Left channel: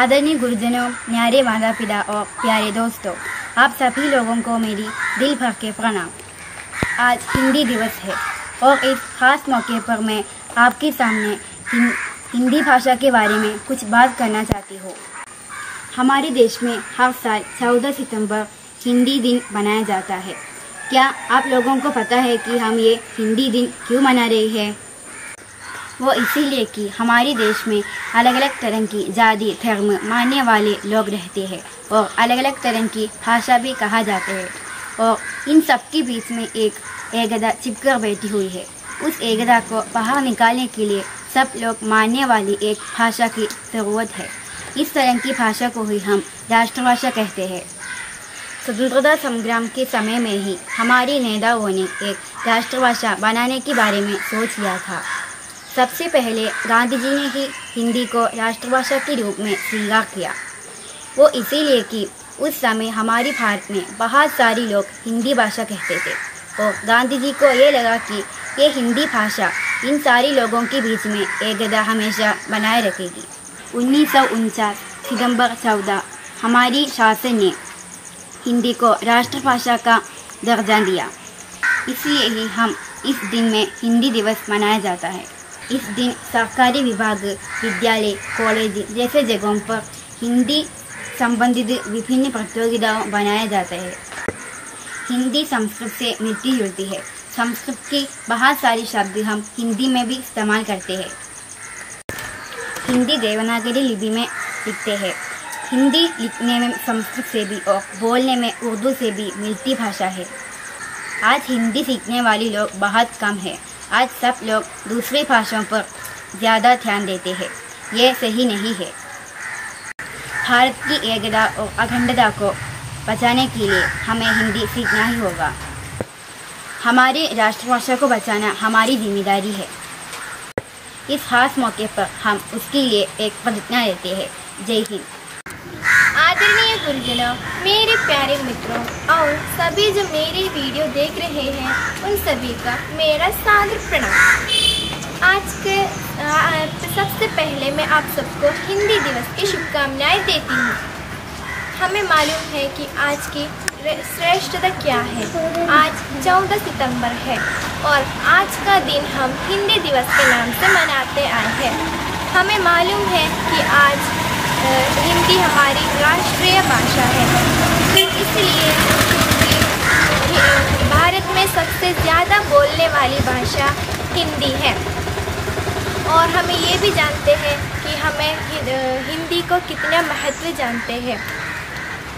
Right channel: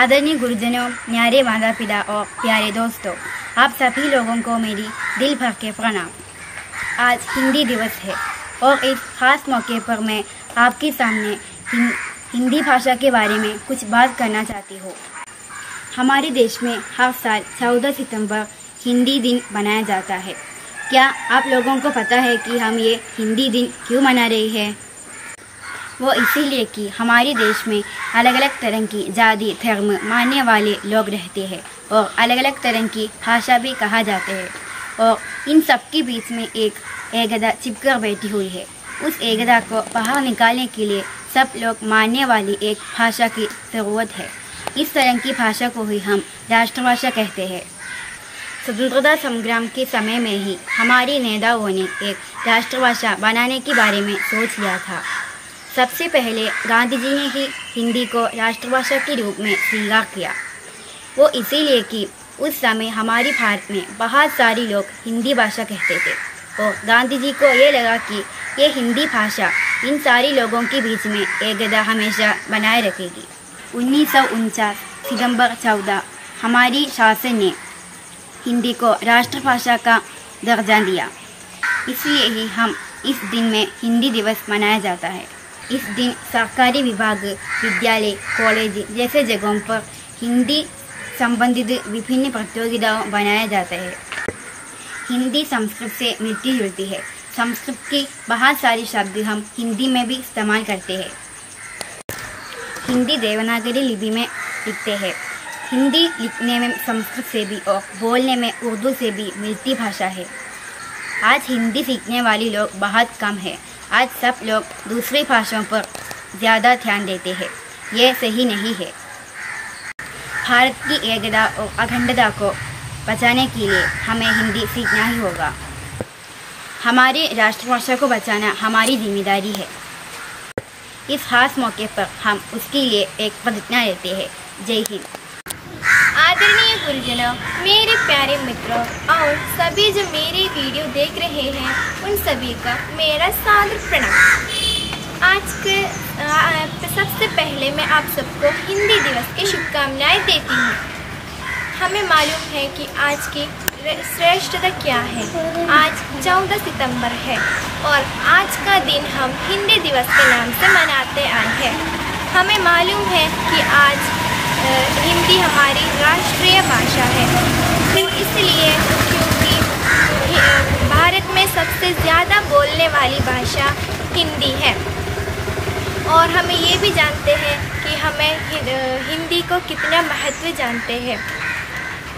आदरणीय गुरुजनों, न्यारे माता पिता और प्यारे दोस्तों, आप सभी लोगों को मेरी दिल भर के प्रणाम। आज हिंदी दिवस है और इस खास मौके पर मैं आपके सामने हिंदी भाषा के बारे में कुछ बात करना चाहती हूँ। हमारे देश में हर साल 14 सितंबर हिंदी दिन मनाया जाता है। क्या आप लोगों को पता है कि हम ये हिंदी दिन क्यों मना रहे हैं? वो इसीलिए कि हमारे देश में अलग अलग तरह की जाति धर्म मानने वाले लोग रहते हैं और अलग अलग तरह की भाषा भी कहा जाते हैं और इन सब के बीच में एक एकता चिपकर बैठी हुई है। उस एकता को बाहर निकालने के लिए सब लोग मानने वाली एक भाषा की ज़रूरत है। इस तरह की भाषा को ही हम राष्ट्रभाषा कहते हैं। स्वतंत्रता संग्राम के समय में ही हमारे नेताओं ने एक राष्ट्रभाषा बनाने के बारे में सोच लिया था। सबसे पहले गांधी जी ने ही हिंदी को राष्ट्रभाषा के रूप में स्वीकार किया। वो इसीलिए कि उस समय हमारे भारत में बहुत सारे लोग हिंदी भाषा कहते थे और गांधी जी को ये लगा कि ये हिंदी भाषा इन सारे लोगों के बीच में एकता हमेशा बनाए रखेगी। 1949 सितंबर 14 हमारी शासन ने हिंदी को राष्ट्रभाषा का दर्जा दिया। इसलिए ही हम इस दिन में हिंदी दिवस मनाया जाता है। इस दिन सरकारी विभाग, विद्यालय, कॉलेज जैसे जगहों पर हिंदी संबंधित विभिन्न प्रतियोगिताएं बनाया जाता है। हिंदी संस्कृत से मिलती जुलती है। संस्कृत के बहुत सारे शब्द हम हिंदी में भी इस्तेमाल करते हैं। हिंदी देवनागरी लिपि में लिखते हैं। हिंदी लिखने में संस्कृत से भी और बोलने में उर्दू से भी मिलती भाषा है। आज हिंदी सीखने वाले लोग बहुत कम हैं। आज सब लोग दूसरी भाषाओं पर ज़्यादा ध्यान देते हैं। ये सही नहीं है। भारत की एकता और अखंडता को बचाने के लिए हमें हिंदी सीखना ही होगा। हमारी राष्ट्रभाषा को बचाना हमारी जिम्मेदारी है। इस खास मौके पर हम उसके लिए एक प्रतिज्ञा लेते हैं। जय हिंद। आदरणीय गुरुजनों, मेरे प्यारे मित्रों और सभी जो मेरी वीडियो देख रहे हैं, उन सभी का मेरा सादर प्रणाम। आज के सबसे पहले मैं आप सबको हिंदी दिवस की शुभकामनाएं देती हूँ। हमें मालूम है कि आज की श्रेष्ठता क्या है। आज 14 सितंबर है और आज का दिन हम हिंदी दिवस के नाम से मनाते आए हैं। हमें मालूम है कि आज हिंदी हमारी राष्ट्रीय भाषा है, इसलिए भारत में सबसे ज़्यादा बोलने वाली भाषा हिंदी है। और हमें ये भी जानते हैं कि हमें हिंदी को कितना महत्व जानते हैं।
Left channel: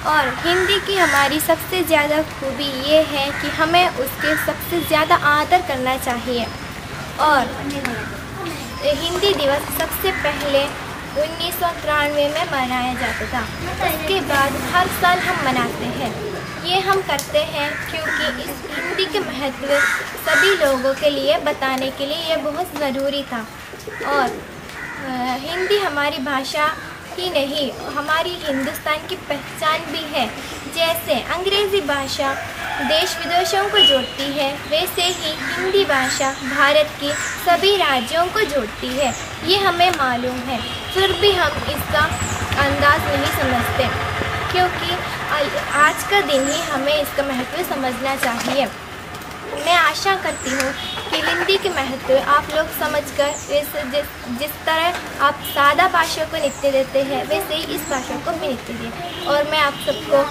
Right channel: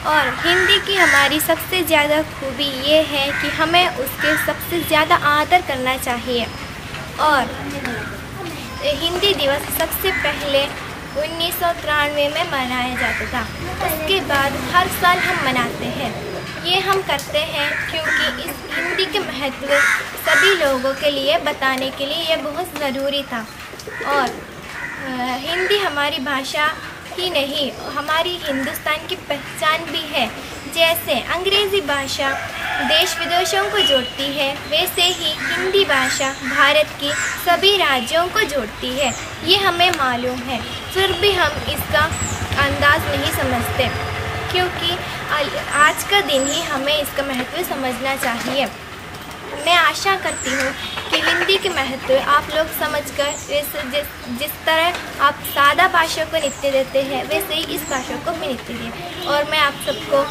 और हिंदी की हमारी सबसे ज़्यादा खूबी ये है कि हमें उसके सबसे ज़्यादा आदर करना चाहिए। और हिंदी दिवस सबसे पहले 1993 में मनाया जाता था। उसके बाद हर साल हम मनाते हैं। ये हम करते हैं क्योंकि इस हिंदी के महत्व सभी लोगों के लिए बताने के लिए ये बहुत ज़रूरी था। और हिंदी हमारी भाषा ही नहीं, हमारी हिंदुस्तान की पहचान भी है। जैसे अंग्रेज़ी भाषा देश विदेशों को जोड़ती है, वैसे ही हिंदी भाषा भारत के सभी राज्यों को जोड़ती है। ये हमें मालूम है, फिर भी हम इसका अंदाज़ नहीं समझते, क्योंकि आज का दिन ही हमें इसका महत्व समझना चाहिए। मैं आशा करती हूँ कि हिंदी के महत्व आप लोग समझकर जिस तरह आप सादा भाषा को नित्य देते हैं, वैसे ही इस भाषा को भी नित्य दें। और मैं आप सबको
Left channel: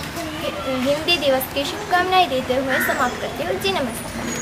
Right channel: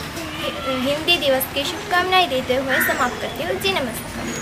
हिंदी दिवस की शुभकामनाएं देते हुए समाप्त करती हूँ। जी नमस्कार।